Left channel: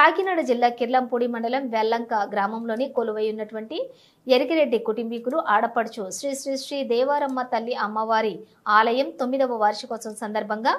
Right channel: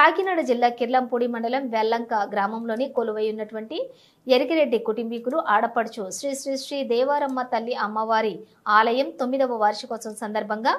కాకినాడ జిల్లా కిర్లంపూడి మండలం వెల్లంక గ్రామంలోని కొలువై ఉన్నటువంటి ఎరికిరెడ్డి కుటుంబీకులు ఆడపడుచు శ్రీ శ్రీ శ్రీ దేవరమ్మ తల్లి అమ్మవారి ఆలయం 9వ వార్షికోత్సవం సందర్భంగా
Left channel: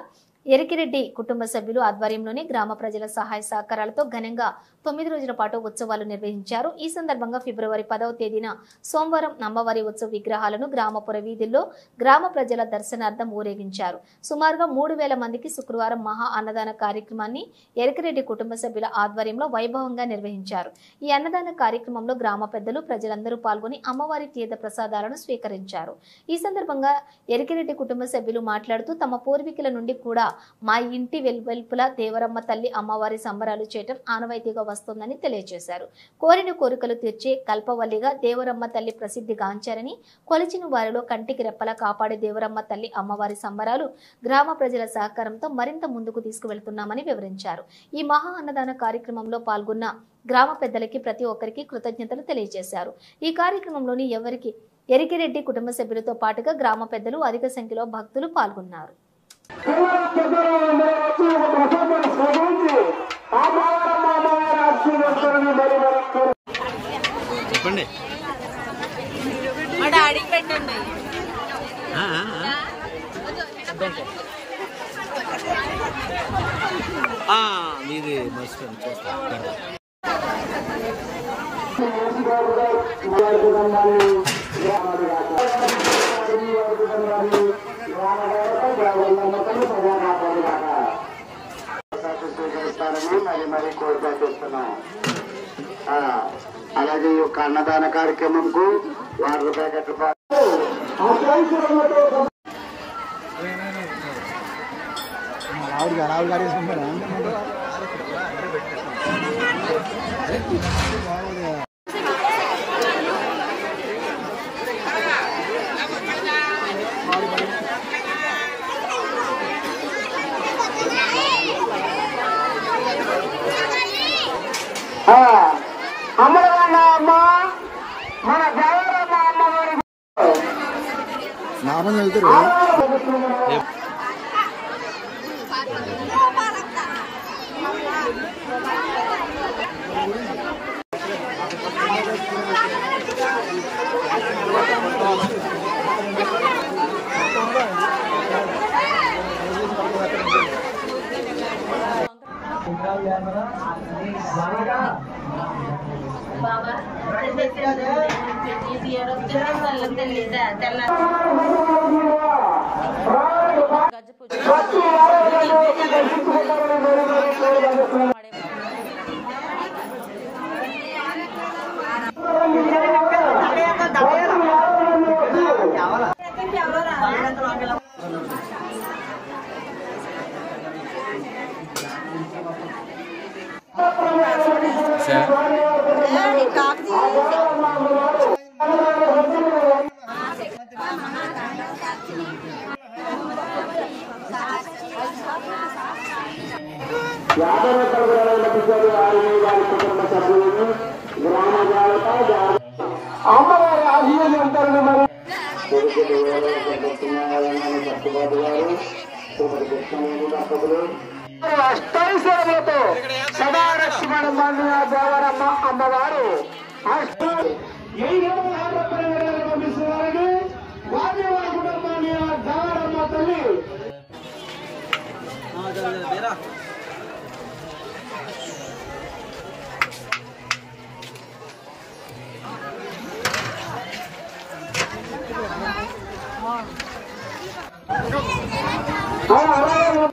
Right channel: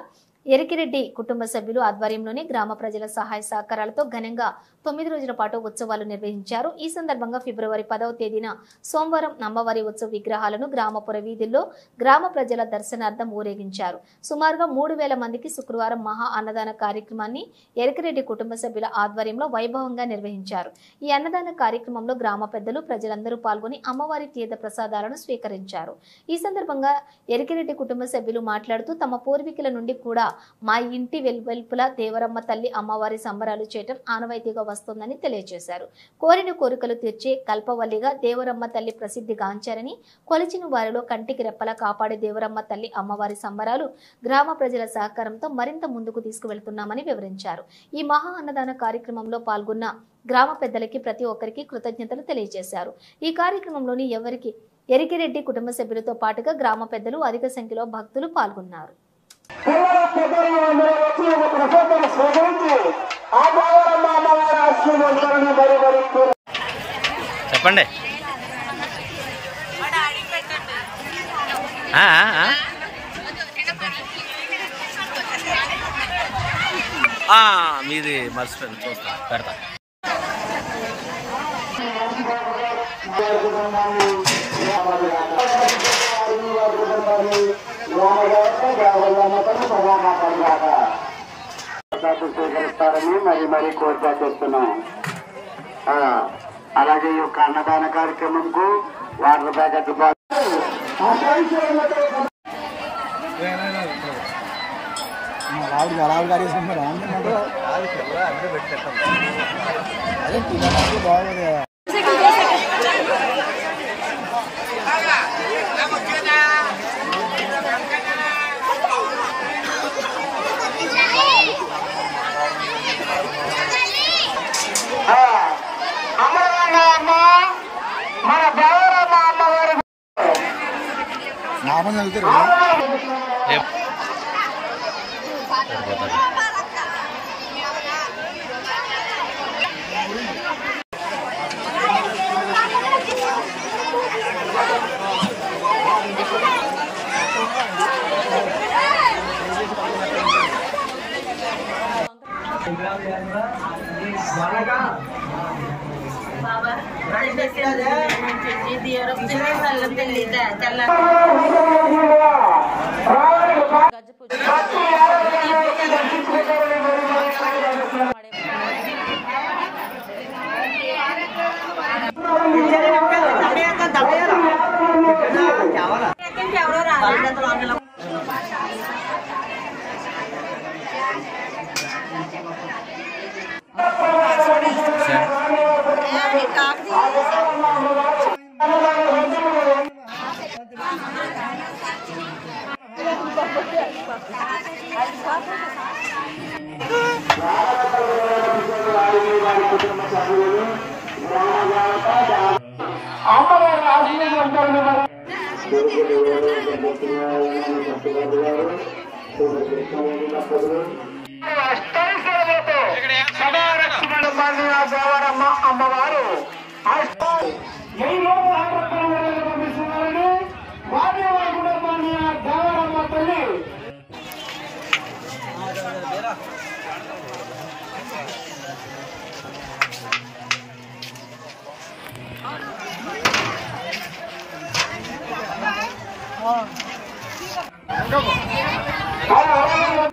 ఎరికిరెడ్డి కుటుంబ సభ్యులు ఆధ్వర్యంలోని గ్రామ ప్రజల సహాయ సహకారాలతో ఘనంగా 9 రోజుల పాటు ఉత్సవాలు నిర్వహించారు। ఈ సందర్భంగా ఫిబ్రవరి 10వ తేదీన సోమవారం అమ్మవారి ఉత్సవ విగ్రహాలను గ్రామపుర వీధుల్లో గ్రామ ప్రజల దర్శనార్థం ఊరేగించారు। సుమారుగా 3000 మందికి శుక్రవారం మహా అన్నదాన కార్యక్రమాన్ని ఎరికిరెడ్డి కుటుంబ సభ్యుల ఆధ్వర్యంలో వైభవంగా నిర్వహించారు। ఈ అన్నదాన కార్యక్రమంలో గ్రామ పెద్దలు ప్రజలందరూ పాల్గొని అమ్మవారి తీర్థ ప్రసాదాలను స్వీకరించారు। ఈ సందర్భంగా ఎరికిరెడ్డి కుటుంబ సభ్యులు మాట్లాడుతూ తమ పూర్వీకుల నుండి కూడా మా ఇంటి వెలువెల్పుల దేవరమ్మ తల్లి అమ్మవారి సంబరాలు చేయటం ఆనవాయితీగా వస్తుందని తెలియజేశారు। కోరిన కోరికలు తీర్చే కల్పవల్లిగా దేవరమ్మ తల్లి ప్రసిద్ధి గాంచారని, కొలిచిన వారిలో కంటికి రెప్పలా కాపాడే దేవరమ్మ తల్లి అమ్మవారి సంబరాలు గ్రామ ప్రజల సహకారంతో మరింత ముందుకు తీసుకువెళ్తున్నామని వివరించారు। ఈ మహా అన్నదాన కార్యక్రమంలో పాల్గొన్న గ్రామ పెద్దలకి ప్రతి ఒక్కరికి కృతజ్ఞతలు తెలియజేశారు। ఈ కార్యక్రమంలోని ఎరికిరెడ్డి కుటుంబ సభ్యులతో పాటుగా గ్రామ పెద్దలు అధిక సంఖ్యలో భక్తులు పాల్గొన్నారు। చెప్పండి మీది మర్చిపోయింది చూస్తాను పెడతా మరి కోరిక చేస్తున్నాం। అలాగే ఈ యొక్క అన్నదాన కార్యక్రమంకు వాటర్ ప్యాకెట్లు మన దేవరమ్మ అమ్మవారి లాభం చదువుతారు। అమ్మవారి ఆశీర్వాదాలు సదారక్షణ దేవరమ్మ అమ్మవారు